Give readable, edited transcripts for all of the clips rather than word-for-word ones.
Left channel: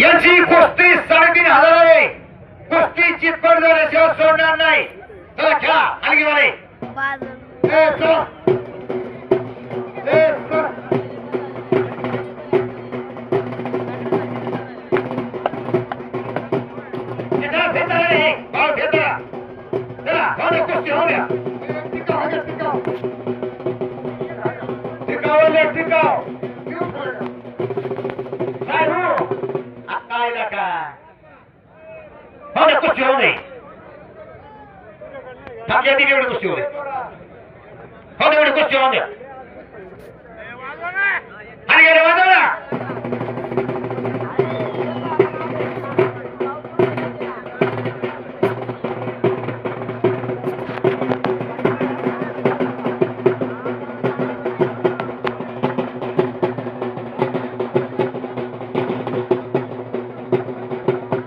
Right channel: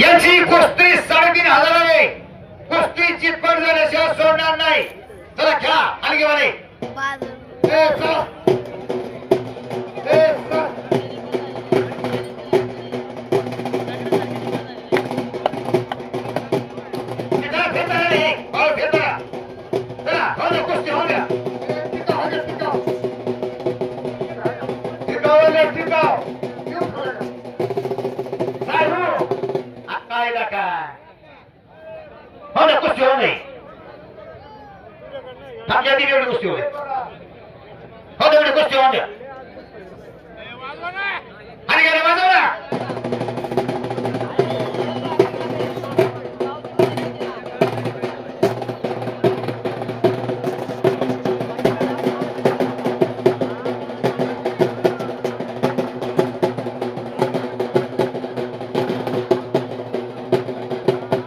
यांची कुस्ती 3,500 आहे. कुस्ती चितपट झाल्याशिवाय सोडणार नाही. चला खेळा हलगी वाले चला कुस्ती होऊ नये. थांबच्या ती एवढी कुस्ती होऊ दे. हो एवढी कुस्ती होऊन द्या. आणि गेले वाजवला.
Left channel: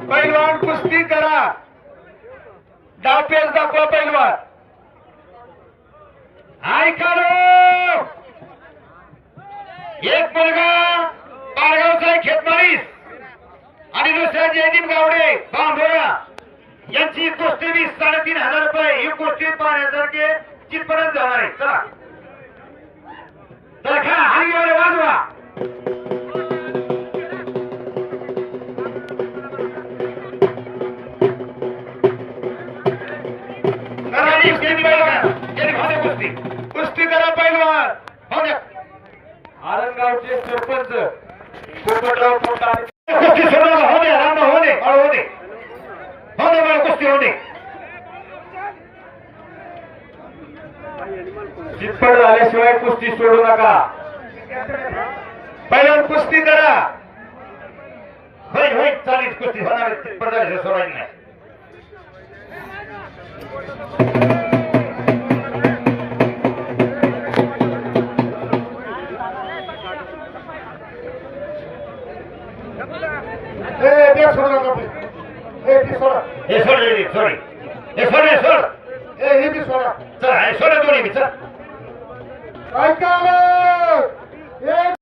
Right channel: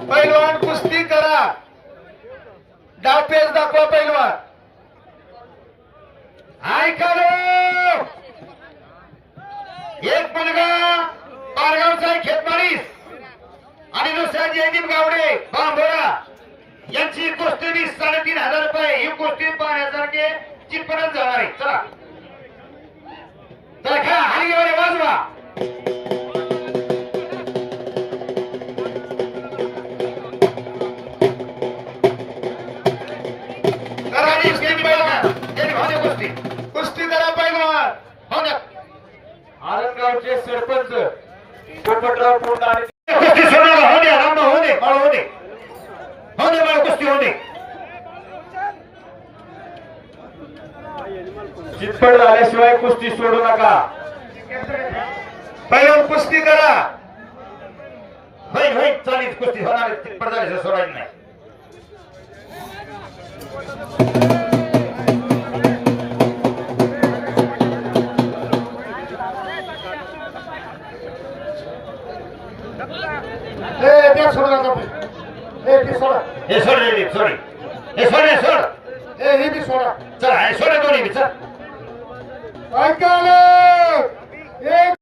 पैलवान कुस्ती करा. डापेस दाखवा पैलवान. ऐका एक मुलगा पारगावचा खेतमाळीस आणि दुसरा जयदीप गावडे बांबोरा यांची कुस्ती 3,500 रुपये. ही कुस्ती पाहण्यासारखे चितपणात जाणार आहे. चला तर खेळा हलगी वाजवा. कुस्ती करा पैलवान. आरंगावचे सरपंच पोपटराव पुरता कुस्ती सोडायला होणे राम होणे बाळ होणे होणे बाळ कुस्ती होणे. चितपट झाल्याशिवाय कुस्ती सोडू नका. पैलवान कुस्ती करा. होईल होईल चालेल कुस्ती होणार. चितपट झाल्याशिवाय सोडायची नाही. सोड दोन्ही चल. ऐकायला